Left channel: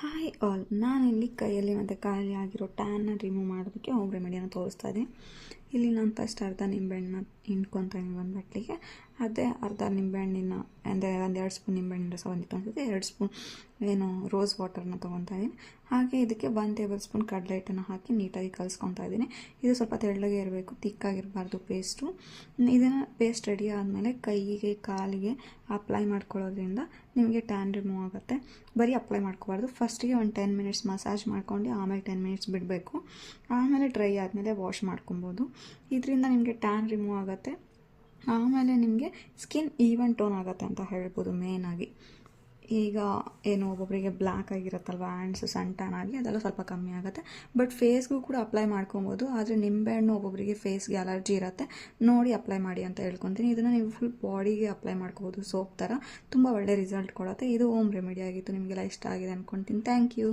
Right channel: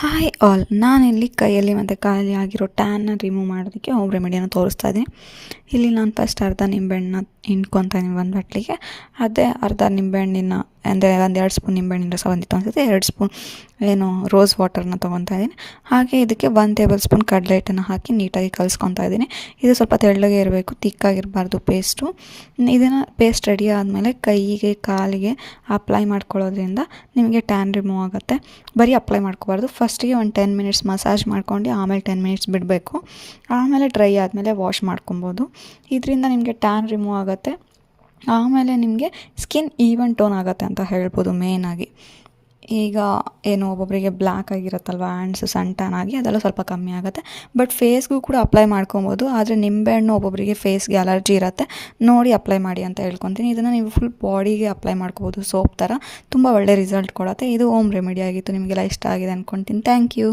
Hi all, ನಾನಿಲ್ಲಿ ಕೈಯಲ್ಲಿ ಮತ್ತು ಕಾಲಲ್ಲಿ ಆಗಿರೋ ಟ್ಯಾನ್ನ ರಿಮೂವ್ ಮಾಡೋದಕ್ಕೆ ಹೋಮ್ ರೆಮಿಡಿಯನ್ನು ತೋರಿಸ್ತಾ ಇದ್ದೀನಿ. ಇಲ್ಲಿ ನಾನು ಫಸ್ಟ್ ಅರ್ಧ ನಿಂಬೆಹಣ್ಣನ್ನ ಹಿಂಡ್ಕೊತಾ ಇದ್ದೀನಿ ಒಂದು ಬಟ್ಲಿಗೆ. ಅದೇ ಅರ್ಧ ನಿಂಬೆಹಣ್ಣಿನ ಅಂದರೆ 1-2 ಸ್ಪೂನ್ ನಿಂಬೆಹಣ್ಣಿನ ರಸ ಬಂದಿತ್ತು ಅನಿಸುತ್ತೆ. 2 ಸ್ಪೂನ್ ರೋಸ್ ವಾಟರ್ನ ತೊಗೊತಾ ಇದ್ದೀನಿ. ಹಾಗೆ ಇದಕ್ಕೆ 1 ಟೇಬಲ್ ಸ್ಪೂನ್ ಕಡಲೆ ಹಿಟ್ಟನ್ನು ಹಾಕಿ ನೀಟಾಗಿ ಕಲಿಸ್ಕೊತಾ ಇದ್ದೀನಿ. ಇದು ಸ್ವಲ್ಪ ತೆಳ್ಳಗೆ ಇರಬೇಕು, ತಿಕ್ಕಾಗಿರಬಾರ್ದು ಪೇಸ್ಟು. ಇದನ್ನು ಪೇಸ್ಟ್ ರೆಡಿ ಆದಮೇಲೆ ಕೈಗೆ ಕಾಲಿಗೆ ಅಪ್ಲೈ ಮಾಡ್ಕೊಳ್ಳೋದ್ರಿಂದ ನಿಮಗೆ ಟ್ಯಾನ್ ರಿಮೂವ್ ಆಗುತ್ತೆ. ಬರೀ ಅಪ್ಲೈ ಮಾಡ್ಕೋಬಾರ್ದು. ಫಸ್ಟಿಗೆ ಒಂದು 10 ಮಿನಿಟ್ಸ್ ಮಸಾಜ್ ಮಾಡ್ಕೊಂಡು ಆಮೇಲೆ 10 ಮಿನಿಟ್ಸ್ ಬಿಡಬೇಕು. ಆಮೇಲೆ ಡ್ರೈ ಆದಮೇಲೆ ವಾಶ್ ಮಾಡ್ಕೊಬೋದು. ಇದರಿಂದ ನಿಮಗೆ ಟ್ಯಾನ್ ರಿಮೂವ್ ಆಗುತ್ತೆ. ಆಮೇಲೆ ನಿಮಗೆ ಸ್ಕಿನ್ ಈವನ್ ಟೋನ್ ಆಗುತ್ತೆ ಅಂತ ಹೇಳ್ಬೋದು. ಮೇಯ್ನಾಗಿ ಈಗ ಒಬ್ಬೊಬ್ಬರಿಗೆ ಬ್ಲ್ಯಾಕ್ ಆಗಿರುತ್ತಲ್ವ, ಹ್ಯಾಂಡ್ಸ್ ಸನ್ ಟ್ಯಾನ್ ಆಗಿ ಅದೆಲ್ಲ ಸ್ವಲ್ಪ ಕಮ್ಮಿ ಆಗುತ್ತೆ. ಬಟ್ ಫೇಸ್ಗೂ ಕೂಡ ಅಪ್ಲೈ ಮಾಡ್ಕೊಬೋದು. ಆದರೆ ನಿಂಬೆಹಣ್ಣು ಒಬ್ಬೊಬ್ಬರಿಗೆ ಫೇಸ್ಗೆ ಅಲರ್ಜಿ ಇರುತ್ತೆ, ನೋಡಿ ಅಪ್ಲೈ ಮಾಡಿ ಅಂತ ಹೇಳ್ಕೊತೀನಿ. ಇದನ್ನು ನೀವು ಫುಲ್ ಬಾಡಿಗೆ ಅಪ್ಲೈ ಮಾಡ್ಕೋಬೋದು ಸೋಪ್ ಥರ. ತುಂಬ ಒಳ್ಳೆ ರಿಸಲ್ಟ್ ಕೊಡುತ್ತೆ. ಇದು ಹೋಮ್ ರೆಮಿಡಿ ಆಗಿತ್ತು. ನಿಮಗೆಲ್ಲ ಇಷ್ಟ ಆಗಿದೆ ಅಂದ್ಕೊತೀನಿ. Thank you.